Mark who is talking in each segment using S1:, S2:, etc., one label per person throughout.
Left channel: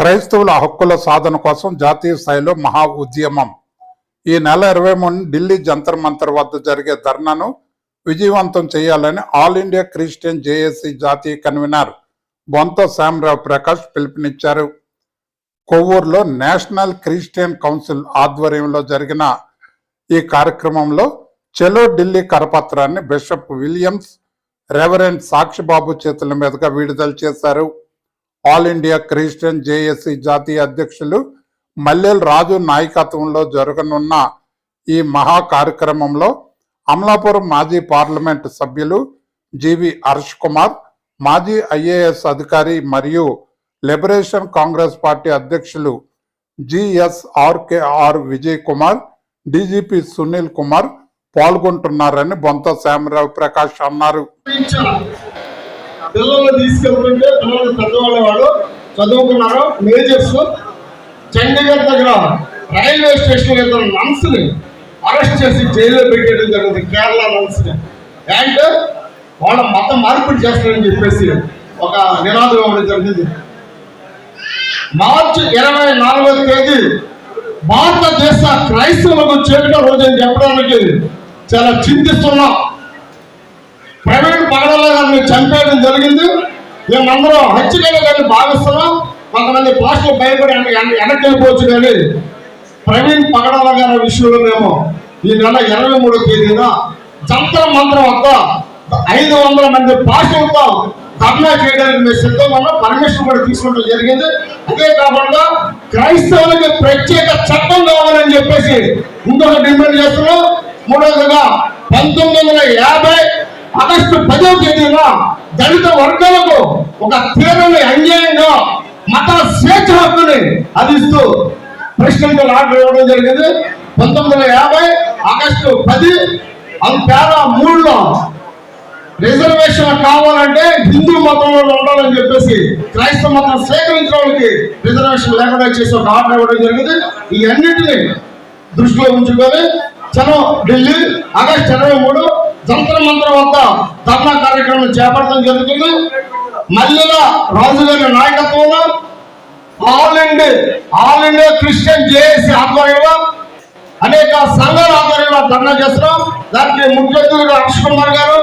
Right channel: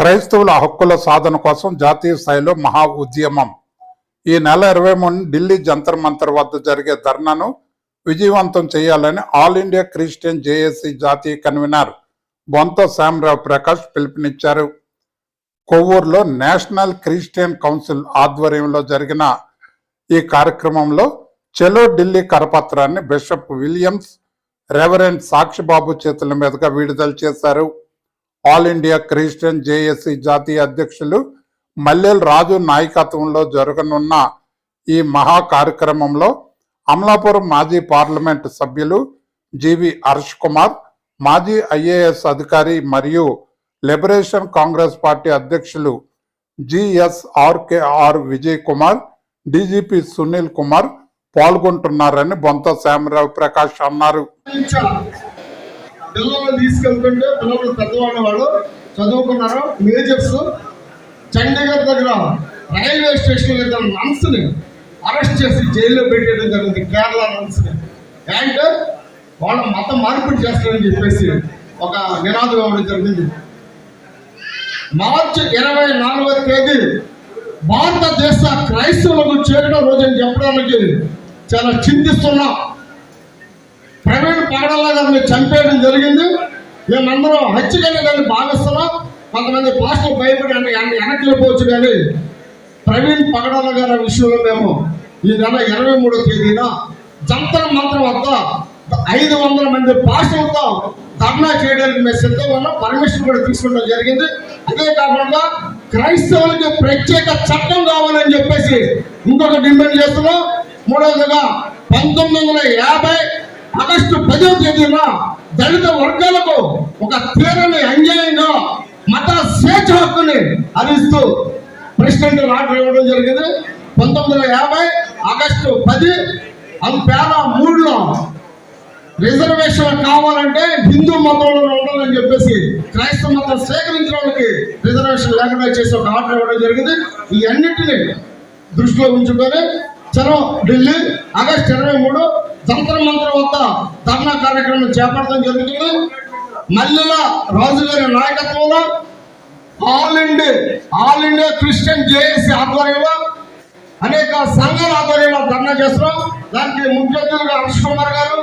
S1: క్రైస్తవుల హక్కుల సాధన కోసం జాతీయ స్థాయిలో మహా ఉద్యమం. ఈ నెల ఇరవై మూడు ఢిల్లీ జంతర్ మంతర్ వద్ద జరిగే ధర్నాను విజయవంతం చేయాలని ఆల్ ఇండియా క్రిస్టియన్ జేఏసీ జాతీయ కన్వీనర్ బొంత శ్యామరావు ప్రకాష్ పిలుపునిచ్చారు. కొవ్వూరులో నేషనల్ క్రిస్టియన్ కౌన్సిల్ ఆధ్వర్యంలో జరిగిన ఈ కార్యక్రమంలో చెలో ఢిల్లీ కరపత్రాన్ని బిషప్ విలియమ్స్ రెవరెండ్ సాక్షిబాబు చేతుల మీదుగా విడుదల చేశారు. ఆల్ ఇండియా క్రిస్టియన్ జేఏసీ జాతీయ అధ్యక్షులు మల్లెల్ రాజు నాయకత్వంలో జరగనున్న ఈ మహా కార్యక్రమంలో అమలాపురం మాజీ పార్లమెంట్ సభ్యులు జీవి హర్ష్ కుమార్ మాజీ ఐఏఎస్ అధికారి మరియు లిబరేషన్ కాంగ్రెస్ పార్టీ అధ్యక్షులు జిఎస్ఆర్కేఆర్ విజయ్ కుమార్ డీజీపీ సునీల్ కుమార్ పాల్గొంటున్నారని బొంత శ్యామరావు ప్రకాష్ అన్నారు.
S2: పిల్లల్ని తీసుకెళ్తుంటే పిల్లలు పెద్దవాళ్ళవాడు చదువుకున్నారు? మేజర్స్. చండీగఢ్ దగ్గర రైల్వే స్టేషన్ ఇద్దరు నన్స్ని అరెస్ట్ చేసి జైల్లో పెట్టేయడం జరిగింది కేరళ నన్స్ని అండ్ వాళ్ళ మతం మార్పిడి చేస్తారని చెప్పేసి ఒక నినాదం ఇవ్వడం జరిగింది. మార్చి ఇరవై నాలుగవ తేదీ భారతదేశ క్రైస్తవులకు చేరిన రోజు అని చెప్పడానికి చాలా చింతిస్తున్నాం. పగడల్లో గారిని చంపేయడం జరిగింది. మేమందరం హత్యగా దాన్ని భావిస్తున్నాం. కొంతమంది పాస్టులు భయపడి వెనక్కి వెనక్కి వెళ్ళిపోవచ్చు కానీ ప్రవీణ్ పగడాల గారి విషయంలో మేము ఈ నెల ఇరవై మూడో తేదీన జంతర మంత్రం వద్ద ఐదు వందల మంది పాస్టులతో ధర్నా చేయడానికి మేము సిద్ధంగా ఉన్నాం. పర్మిషన్ కూడా తీసుకోవడం జరిగింది. అదే కాకుండా క్రైస్తవులకి ప్రత్యేక చట్టం కావాలని చెప్పేసి ఇంకొక డిమాండ్ చేస్తున్నాం. మూడవదిగా పంతొమ్మిది వందల యాభై ఆగస్టు పదో తేదీన దళిత వర్గాలకు ఒక తీరని అన్యాయంగా మత స్వేచ్ఛ హక్కుని అందిస్తూ ప్రెసిడెంట్ ఆర్డర్ ఇవ్వడం జరిగింది. పంతొమ్మిది వందల యాభై ఆగస్టు పది పేర మూడులో రిజర్వేషన్ కావాలంటే హిందూ మతంలో ఉండాలని చెప్పేసి క్రైస్తవ మతం స్వీకరించిన వాళ్ళకి రిజర్వేషన్ లేకుండా చేసి ఒక ఆర్డర్ ఇవ్వడం జరిగింది. ఈ అన్నింటినీ దృష్టిలో ఉంచుకొని చలో ఢిల్లీ ఆగస్టు ఇరవై మూడు జంతర మంత్ర వద్ద ధర్నా కార్యక్రమం చేపట్టడం జరుగుతుంది. మల్లెల రాజు గారి నాయకత్వంలో all India all India Christian JAC ఆధ్వర్యంలో అనేక సంఘాల ఆధ్వర్యంలో ధర్నా చేస్తున్నాం. దానికి ముఖ్య అతిథులుగా హర్ష్ కుమార్ గారు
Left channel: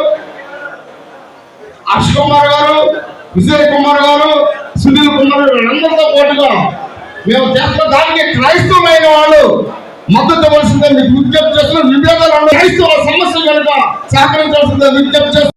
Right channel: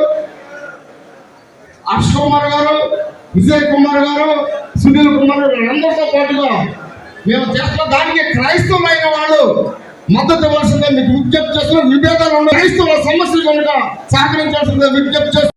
S2: హర్ష్ కుమార్ గారు విజయ్ కుమార్ గారు సునీల్ కుమార్ గారు అందరితో పాటుగా మేము చేస్తున్న దానికి క్రైస్తవమైన వాళ్ళు మద్దతు ఇవ్వాల్సిందే మీకు విజ్ఞప్తి చేస్తున్న విభేదాలు ఉన్న క్రైస్తవ సమస్యలు కనుక సహకరించాల్సిందే విజ్ఞప్తి